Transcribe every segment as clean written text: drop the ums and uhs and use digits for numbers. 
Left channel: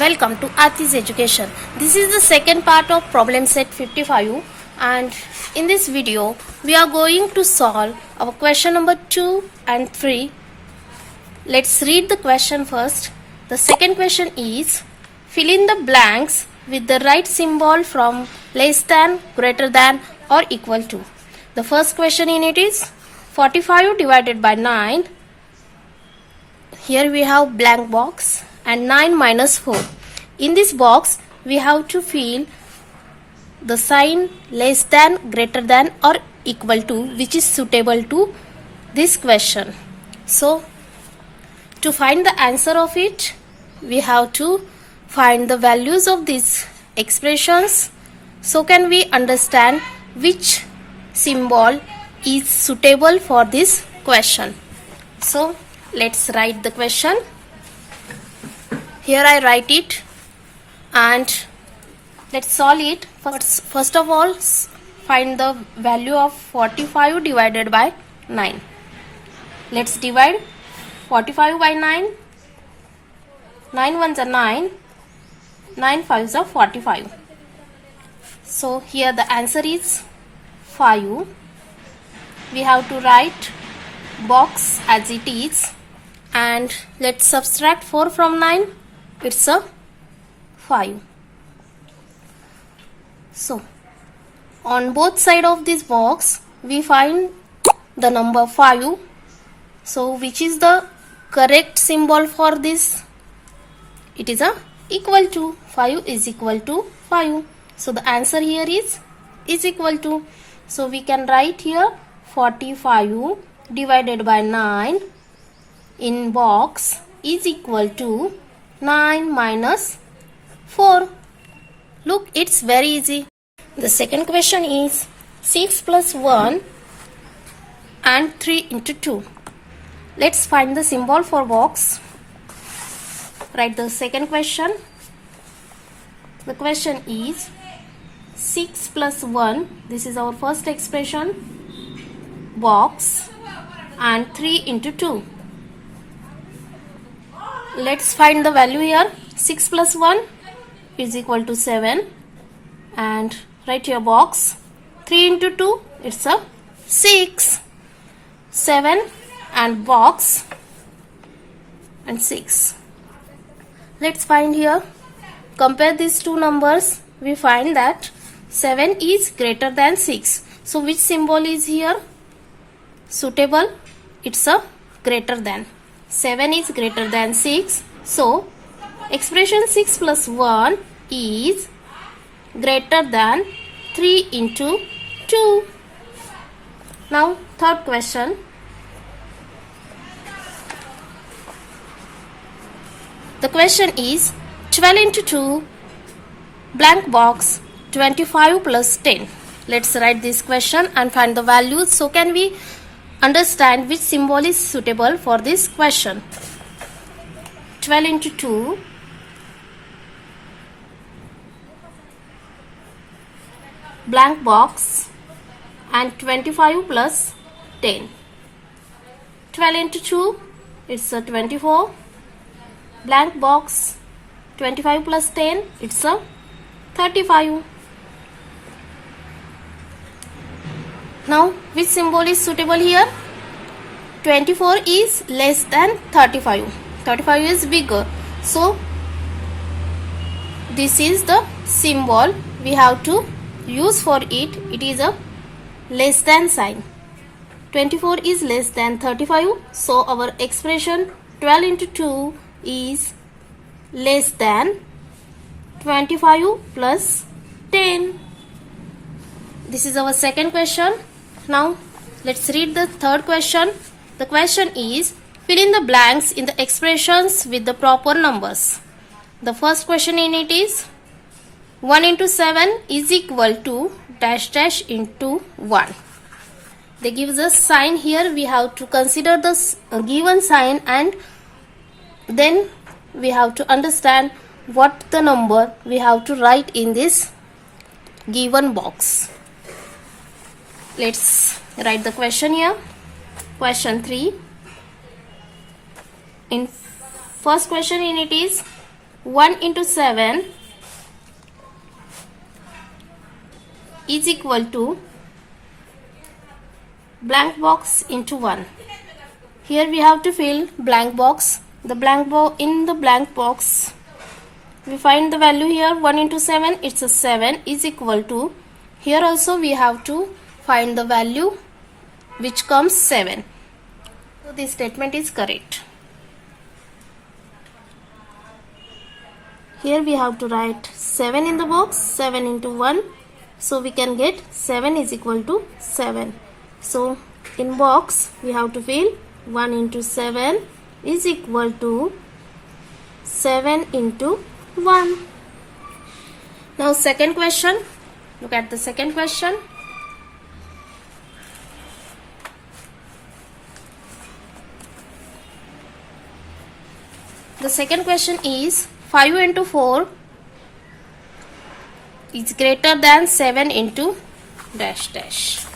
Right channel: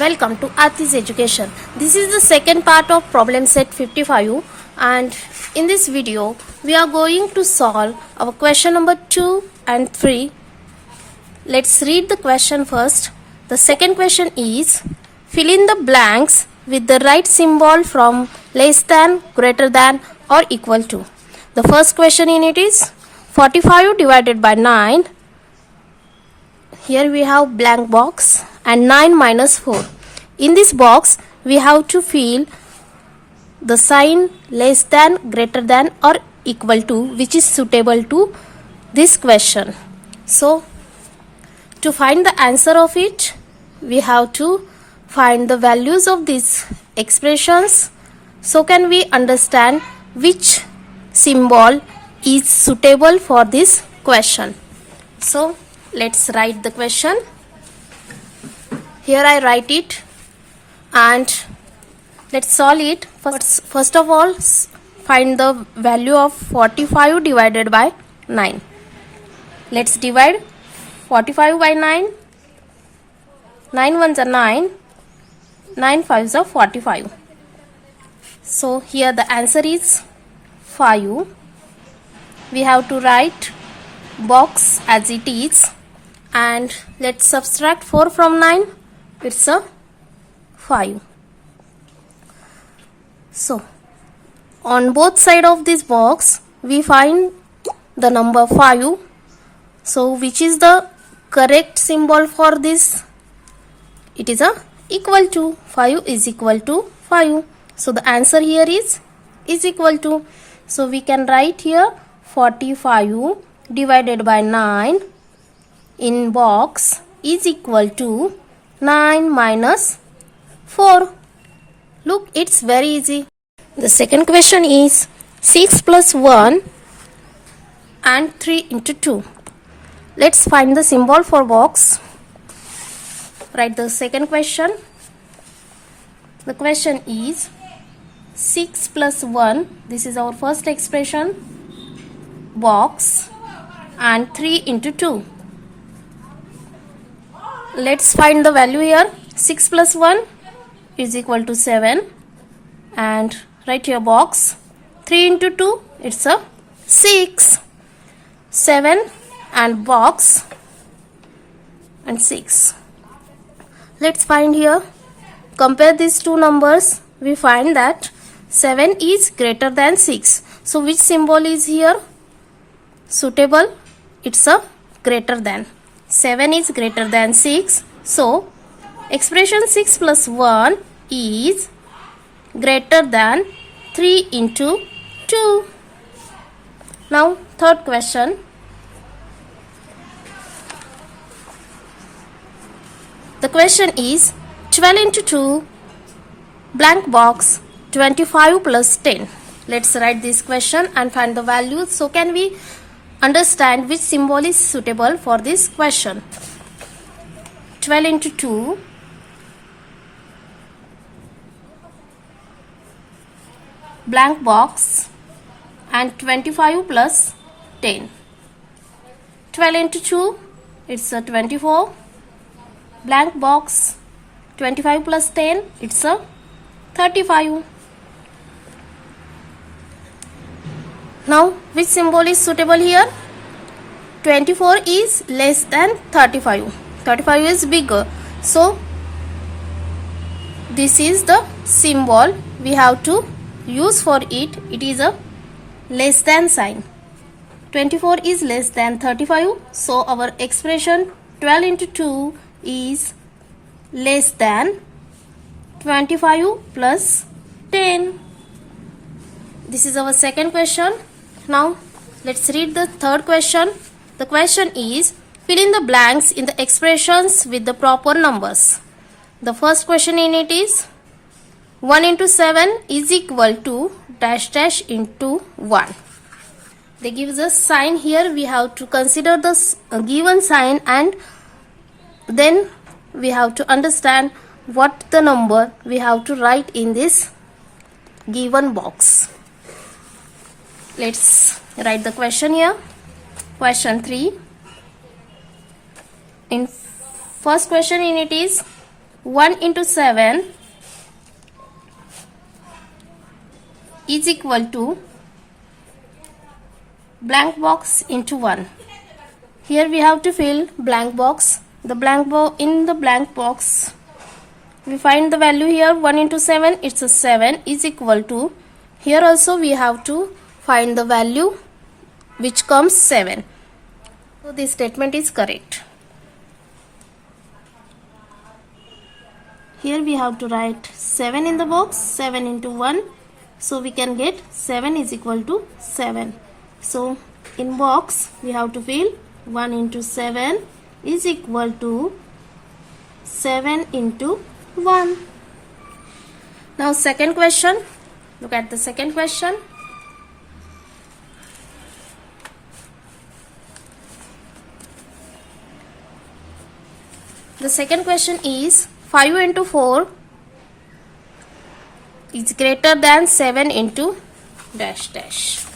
Welcome to Aarti's Education. This is the second part of problem set 55, and in this video we are going to solve our question number 2 and 3. Let's read the question first. The second question is, fill in the blanks with the right symbol from less than, greater than or equal to. The first question in it is 45 divided by 9. Here we have blank box and 9 minus 4. In this box we have to fill the sign less than, greater than or equal to, which is suitable to this question. So to find the answer of it, we have to find the values of these expressions. So can we understand which symbol is suitable for this question. So let's write the question. Here I write it and let's solve it. First of all, find the value of 45 divided by 9. Let's divide 45 by 9. 9 ones are 9. 9 fives are 45. So here the answer is 5. We have to write box as it is, and let's subtract 4 from 9. It's a 5. So on both sides of this box we find the number 5. So which is the correct symbol for this? It is a equal to. 5 is equal to 5. So the answer here is equal to. So we can write here 45 divided by 9 in box is equal to 9 minus 4. Look, it's very easy. The second question is 6 plus 1 and 3 into 2. Let's find the symbol for box. Write the second question. The question is 6 plus 1, this is our first expression, box, and 3 into 2. Let's find the value here. 6 plus 1 is equal to 7, and write your box. 3 into 2, it's a 6. 7 and box and 6. Let's find here. Compare these two numbers. We find that 7 is greater than 6. So which symbol is here suitable? It's a greater than. 7 is greater than 6. So expression 6 plus 1 is greater than 3 into 2. Now third question. The question is 12 into 2 blank box 25 plus 10. Let's write this question and find the values. So can we understand which symbol is suitable for this question? 12 into 2 blank box and 25 plus 10. 12 into 2, it's a 24. Blank box, 25 plus 10, it's a 35. Now which symbol is suitable here? 24 is less than 35. 35 is bigger. So this is the symbol we have to use for it. It is a less than sign. 24 is less than 35. So our expression 12 into 2 is less than 25 plus 10. This is our second question. Now let's read the third question. The question is, fill in the blanks in the expressions with the proper numbers. The first question in it is 1 into 7 is equal to dash dash into 1. They give us sign here. We have to consider the given sign and then we have to understand what the number we have to write in this given box. Let's write the question here. Question 3. In first question in it is 1 into 7 is equal to blank box into 1. Here we have to fill blank box. In the blank box we find the value here 1 into 7, it's a 7 is equal to, here also we have to find the value which comes 7. So this statement is correct. Here we have to write 7 in the box, 7 into 1, so we can get 7 is equal to 7. So in box we have to fill 1 into 7 is equal to 7 into 1. Now second question, look at the second question. The second question is 5 into 4 is greater than 7 into dash dash.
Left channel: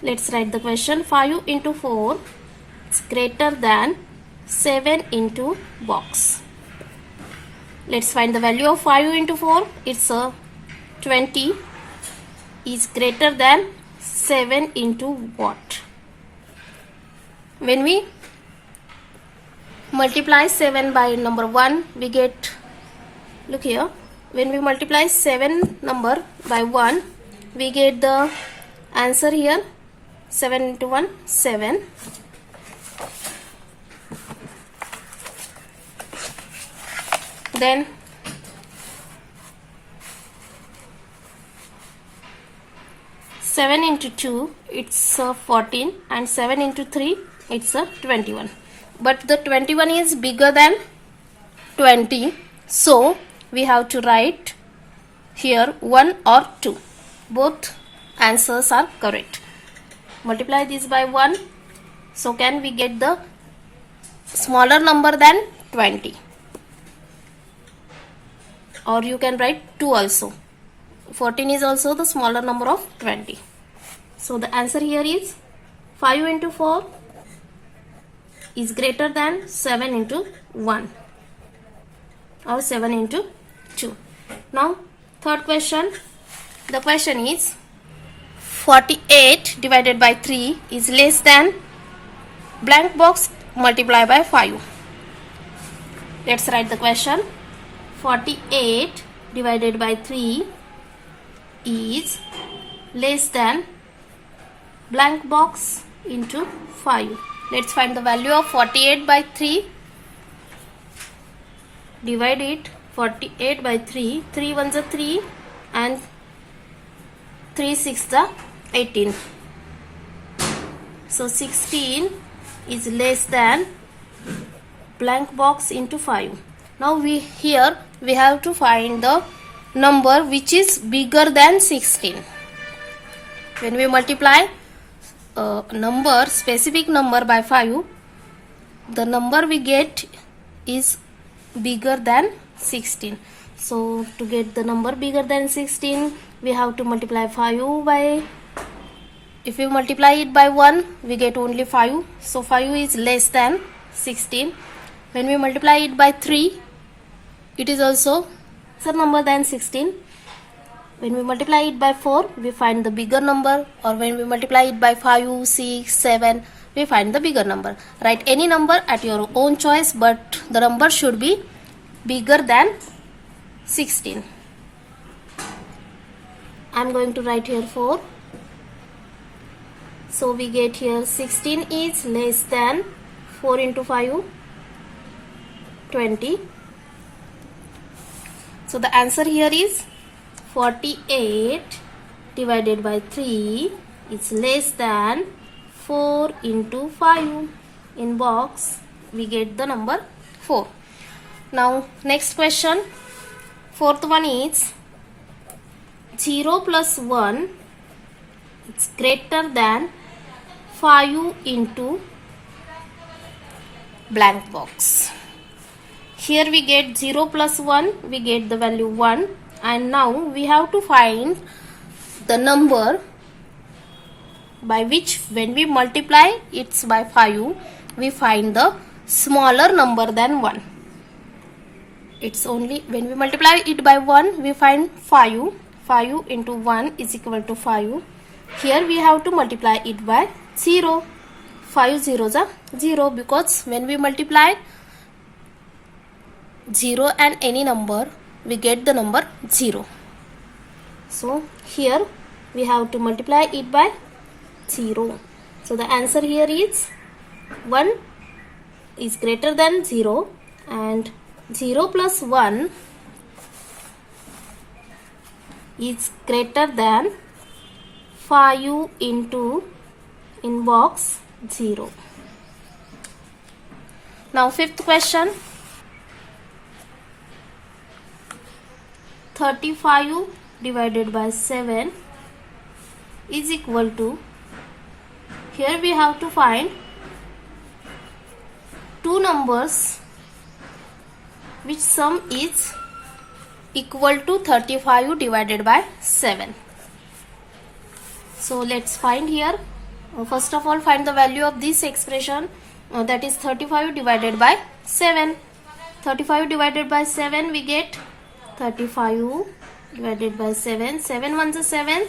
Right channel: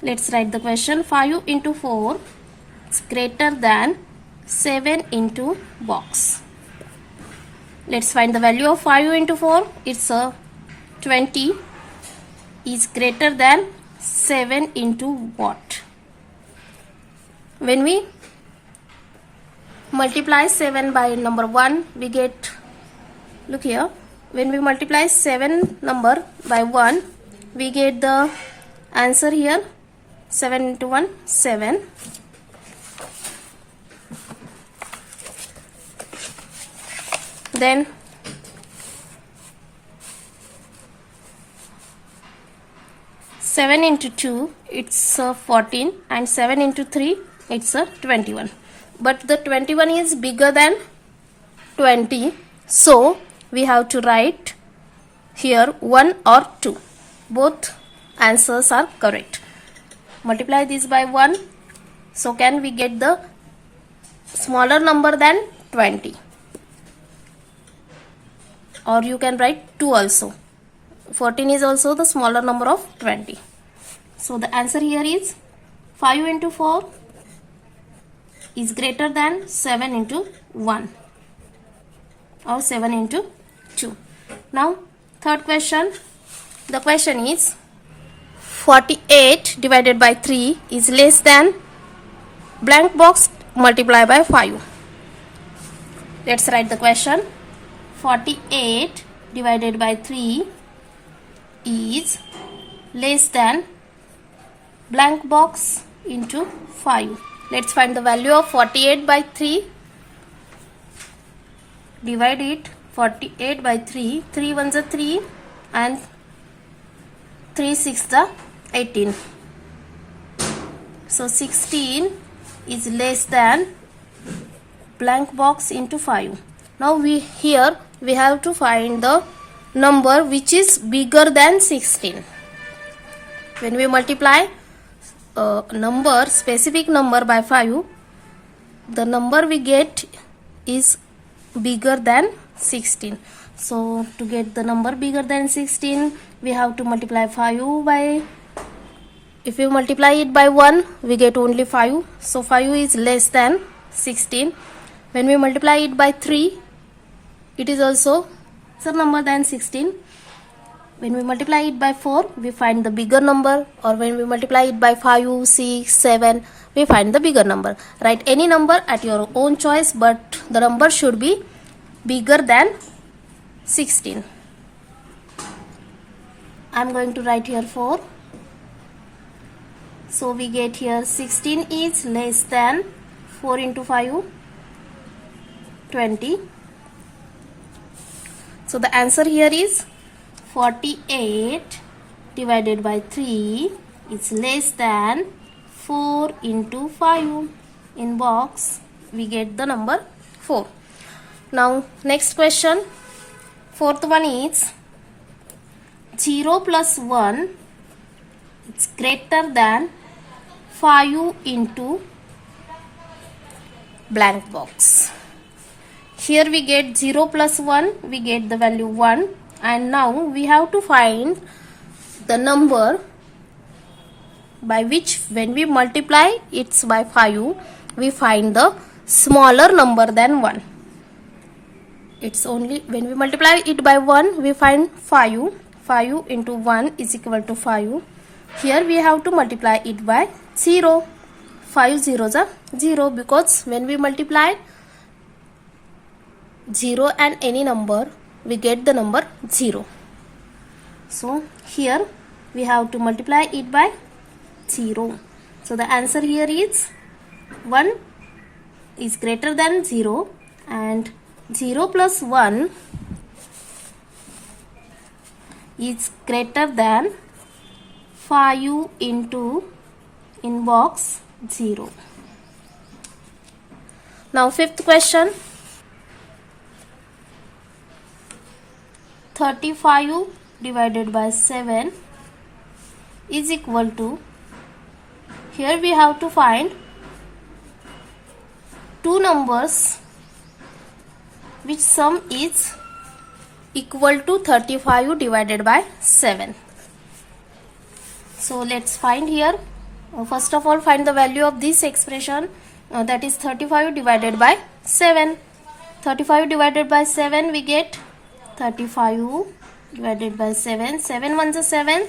Let's write the question. 5 into 4 is greater than 7 into box. Let's find the value of 5 into 4. It's a 20 is greater than 7 into what? When we multiply 7 by number 1, we get, look here, when we multiply 7 number by 1, we get the answer here, 7 into 1, 7. Then seven into 2, it's 14, and 7 into 3, it's 21. But the 21 is bigger than 20, so we have to write here 1 or 2. Both answers are correct. Multiply this by 1, so can we get the smaller number than 20? Or you can write 2 also. 14 is also the smaller number of 20. So the answer here is 5 into 4 is greater than 7 into 1 or 7 into 2. Now third question. The question is 48 divided by 3 is less than blank box multiplied by 5. Let's write the question. 48 divided by 3 is less than blank box into 5. Let's find the value of 48 by 3. Divide it. 48 by 3. 3 ones are 3 and 3 6 the 18. So 16 is less than blank box into 5. Now we have to find the number which is bigger than 16. When we multiply a specific number by 5, the number we get is bigger than 16. So to get the number bigger than 16, we have to multiply 5 by, if we multiply it by 1, we get only 5. So 5 is less than 16. When we multiply it by 3, it is also some number than 16. When we multiply it by 4, we find the bigger number, or when we multiply it by 5, 6, 7, we find the bigger number. Write any number at your own choice, but the number should be bigger than 16. I am going to write here 4. So we get here 16 is less than 4 into 5, 20. So the answer here is 48 divided by 3 is less than 4 into 5. In box we get the number 4. Now next question. Fourth one is 0 plus 1 is greater than 5 into blank box. Here we get 0 plus 1, we get the value 1, and now we have to find the number by which when we multiply it's by 5, we find the smaller number than 1. It's only when we multiply it by 1 we find 5. 5 into 1 is equal to 5. Here we have to multiply it by 0. 5 zeros are 0 because when we multiply 0 and any number we get the number 0. So here we have to multiply it by 0. So the answer here is 1 is greater than 0 and 0 plus 1 is greater than 5 into in box 0. Now fifth question. 35 divided by 7 is equal to, here we have to find two numbers which sum is equal to 35 divided by 7. So let's find here. First of all, find the value of this expression, that is 35 divided by 7. 35 divided by 7 we get 35 divided by 7. 7 ones are 7.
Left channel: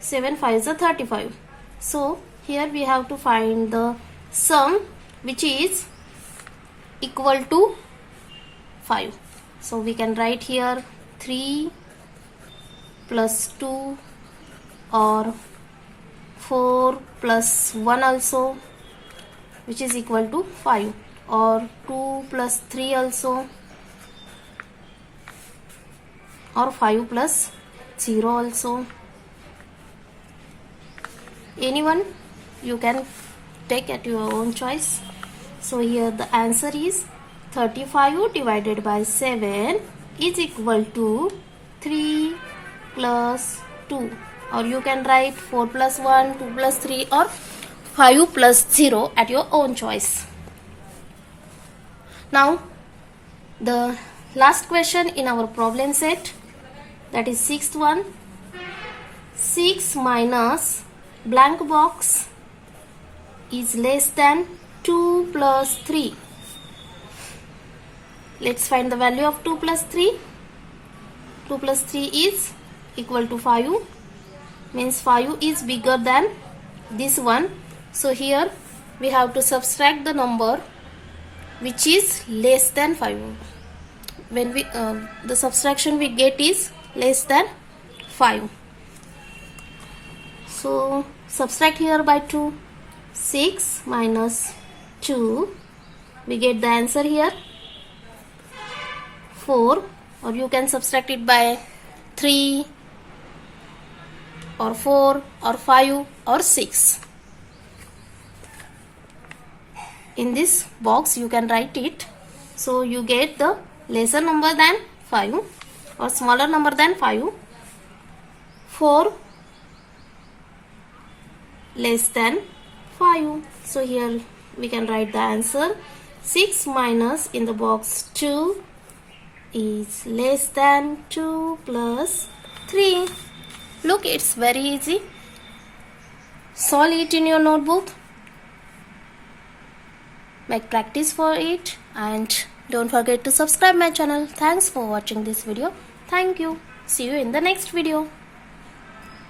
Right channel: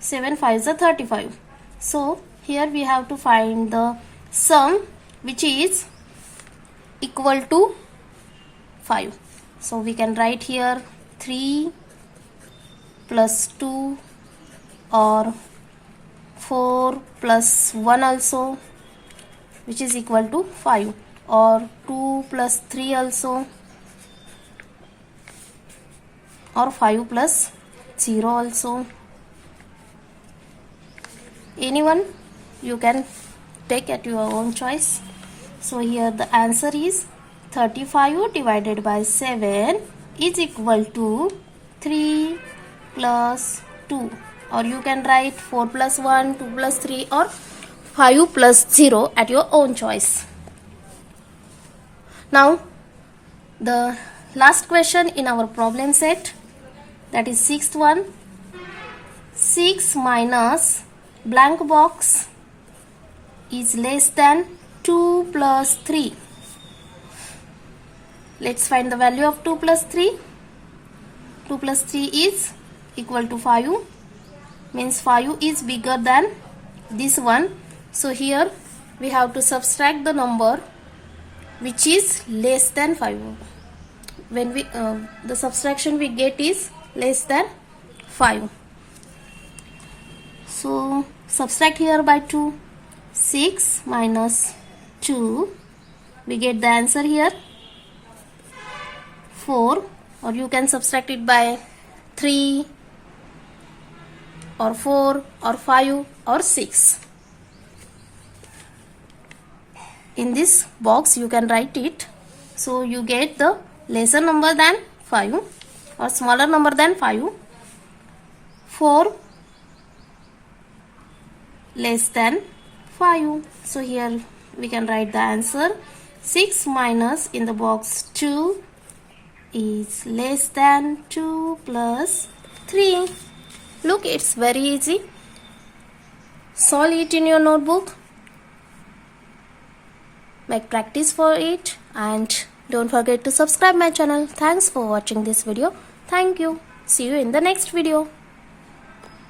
7 5s are 35. So here we have to find the sum which is equal to 5. So we can write here 3 plus 2 or 4 plus 1 also, which is equal to 5, or 2 plus 3 also, or 5 plus 0 also. Anyone you can take at your own choice. So here the answer is 35 divided by 7 is equal to 3 plus 2, or you can write 4 plus 1, 2 plus 3 or 5 plus 0 at your own choice. Now the last question in our problem set, that is sixth one. 6 minus blank box is less than 2 plus 3. Let's find the value of 2 plus 3. 2 plus 3 is equal to 5. Means 5 is bigger than this one. So here we have to subtract the number which is less than 5. When we the subtraction we get is less than 5. So subtract here by 2. 6 minus 2, we get the answer here 4, or you can subtract it by 3 or 4 or 5 or 6. In this box you can write it. So you get the lesser number than 5 or smaller number than 5. 4 less than 5. So here we can write the answer 6 minus in the box 2 is less than 2 plus 3. Look, it's very easy. Solve it in your notebook. Make practice for it and don't forget to subscribe my channel. Thanks for watching this video. Thank you. See you in the next video.